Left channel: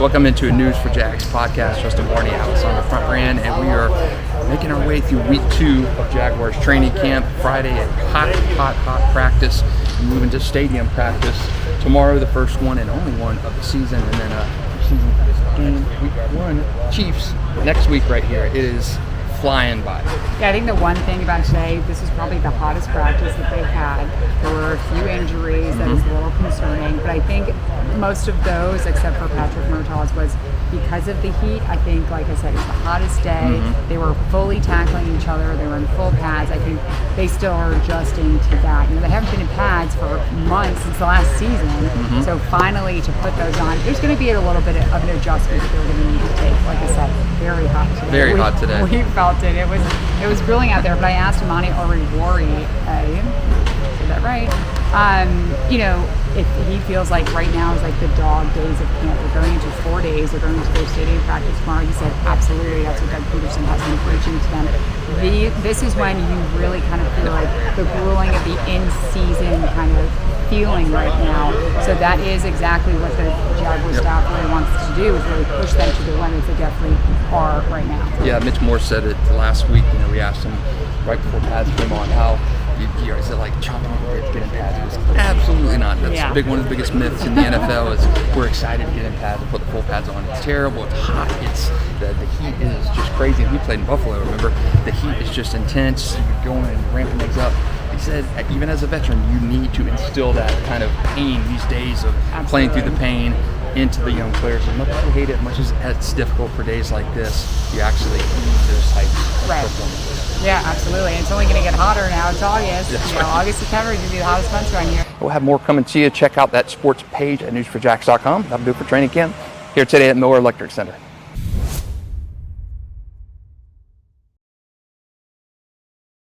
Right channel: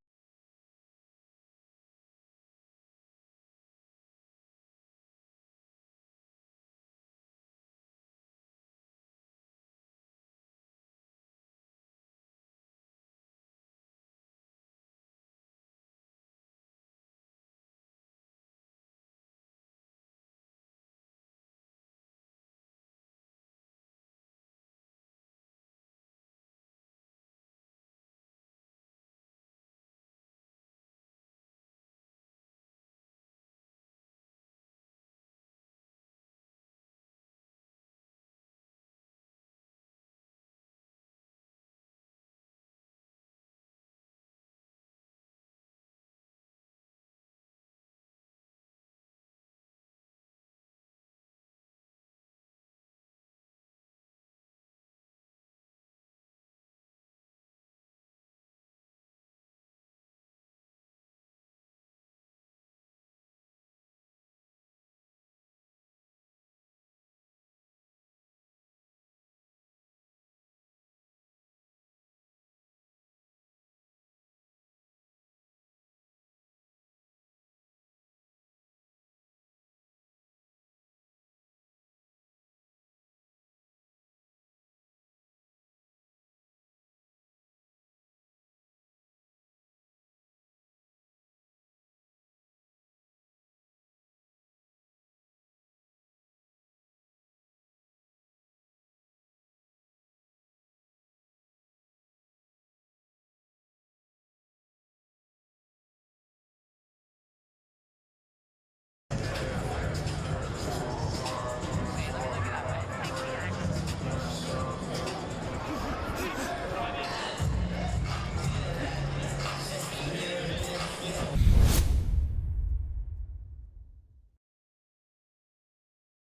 Welcome into a News4JAGs podcast. Justin Barney and Alessandra Pontbriand, and we are making our way through week 2 of Jaguars training camp. Friday at hot practice, moving to stadium practice. Tomorrow, the first one and only one of the season, and then season game week 1 Chiefs next week right here. It is flying by. Yeah, I think the one thing about today, this is probably the hottest practice that they've had. There were a few injuries that is a little concerning, but I think most of those, except for Patrick Murtaugh's, was because of the heat. I think, like I said, it's the hottest day. They were fully tackling each other. They were in full pads. I think they still are adjusting to that. You know, they haven't been in pads for months since the last season. So finally, to put those on, there's going to be a little bit of an adjustment that they're going to need to take. Like I said, very hot today. Very hot today. We felt it. It was grilling out there. But I asked Imani Oriwori, is that right? You know, if he feels like right now is like the dog days of camp. They're going into 4 days. They're going into their stadium practice tomorrow. He said, absolutely. That's what Doug Pederson has been preaching to them. This is when you really kind of feel like the grueling of the in-season kind of feeling right now. So that is exactly what the Jaguars staff really wants to do, is really push them to the limits. They definitely are right now. Yeah, Mitch Moore said it last week. You know, we asked him right before pads came on how is it like chopping to get in pads? He goes, absolutely not. That's one of the biggest myths in the NFL is we're excited to get in pads and put the full pads on. It's terrible. It's hot. The heat is just crazy. And we played in Buffalo, remember? The heat is just intense. You're going and ramping things up. He said, even as a veteran, you need to instill that kind of pain these days of playing through the pain into the young players. As much as you hate it, as much as it's difficult for days like this, you actually ease those types of performances. Yeah, absolutely. It's only going to get hotter now. It's August. August, September is going to be the hottest months around here. We'll have more coming to you. Check out that sports page at News4JAGs.com. That'll do it for training camp here today at Miller Electric Center.